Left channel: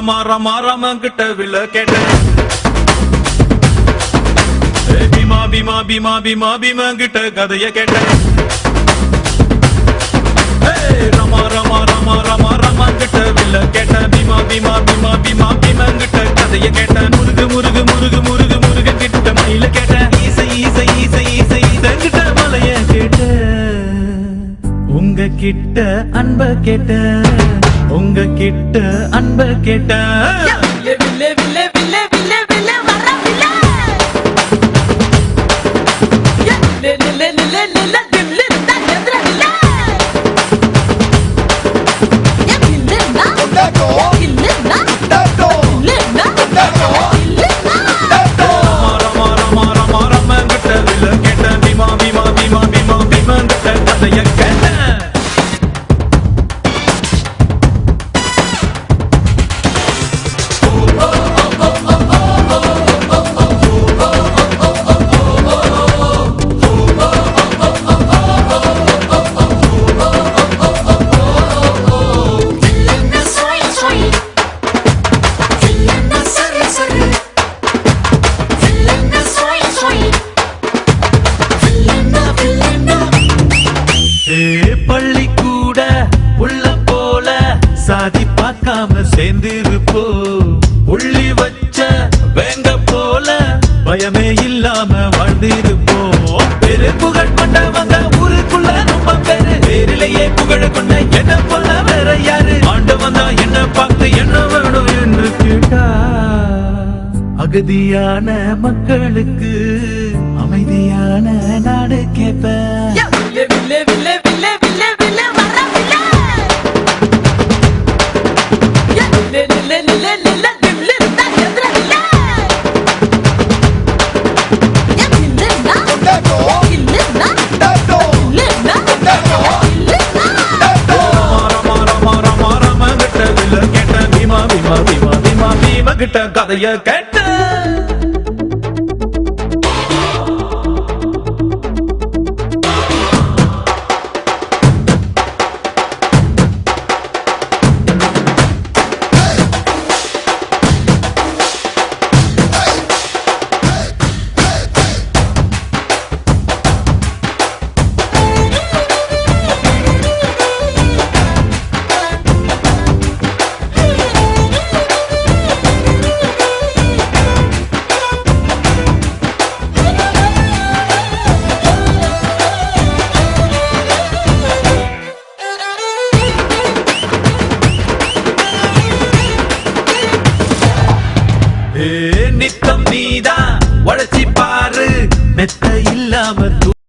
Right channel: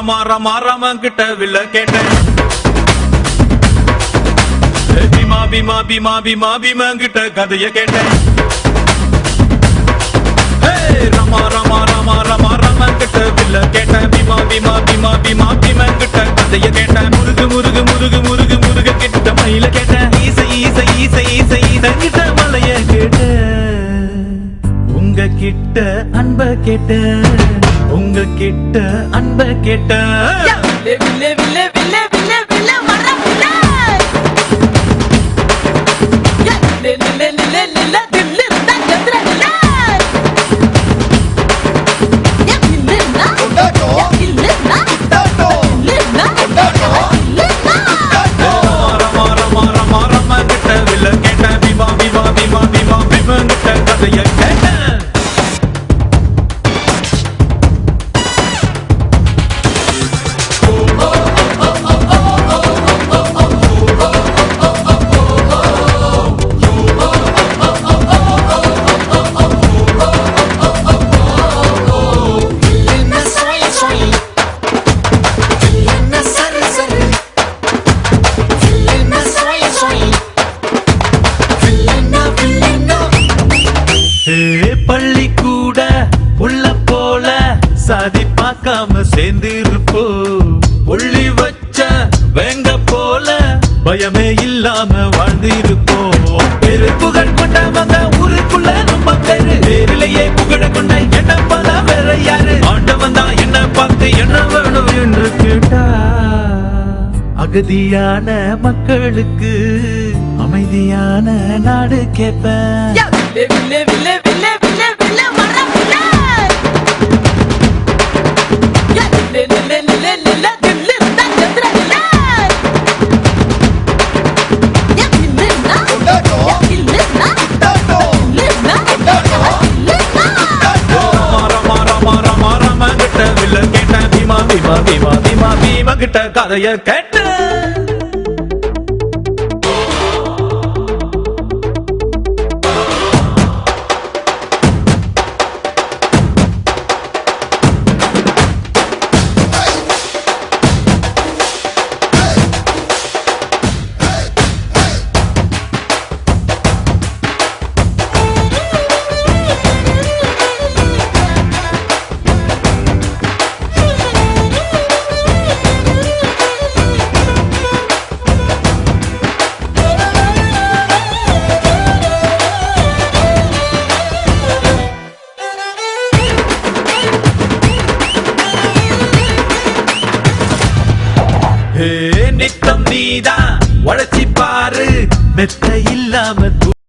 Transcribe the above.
ரமா ரமா ரமா கிட்ட வில்ல கேட்டேன் பீமா பீமா பீமா பீமா பீமா கிட்ட கதைய கேட்டேன் ரமா ரமா ரமா ரமா ரமா கிட்ட வில்ல கேட்டேன் பீமா பீமா பீமா பீமா பீமா கிட்ட கதைய கேட்டேன் முருகு முருகு முருகு முருகு முருக கிட்ட மயில கேட்டேன் ஈசை ஈசை ஈசை ஈசை ஈசை கிட்ட மலைய கேட்டேன் உங்க கிட்ட அன்ப கேட்ட உங்க கிட்ட அன்ப கேட்ட வில்லே வில்லே வில்லே வில்லே வில்லே வர வில்லே லே லே லே லே லே தில்லு தா எத்ர வில்லே யா வில்லே நா யா வில்லே நா வில்லே நா வில்லே நா ரமா ரமா ரமா ரமா கிட்ட வில்ல கேட்ட பீமா பீமா பீமா பீமா பீமா கிட்ட கதைய கேட்ட பள்ளி கூட உள்ள போல சாதி பார்க்காம சேர்ந்திருப்போ புள்ளி வச்ச வேங்க போல பயமே இல்லாம வாழ்ந்திருப்போம் பெரு புகழ் கொண்டவங்க ஊருக்குள்ள நம்ம பேரு பேரிலேயே புகழ கொண்ட என்ன போல வேற யாரு ஆண்டவன் தான் என்ன பார்த்து என்ன வேணும் என்று கேட்டா அகதியான மக்களுக்கு அமைதியான நாடு கேட்பேன் வில்லே வில்லே வில்லே வில்லே வில்லே வில்லே வர வில்லே யா லே லே லே லே தில்லு தா எத்ர வில்லே யா வில்லே நா யா வில்லே நா வில்லே நா வில்லே நா ரமா ரமா ரமா ரமா கிட்ட வில்ல கேட்ட பீமா பீமா பீமா பீமா பீமா கிட்ட கதைய கேட்ட நித்தம் நீதான் உழைச்சி பாரு மெத்த இல்லாம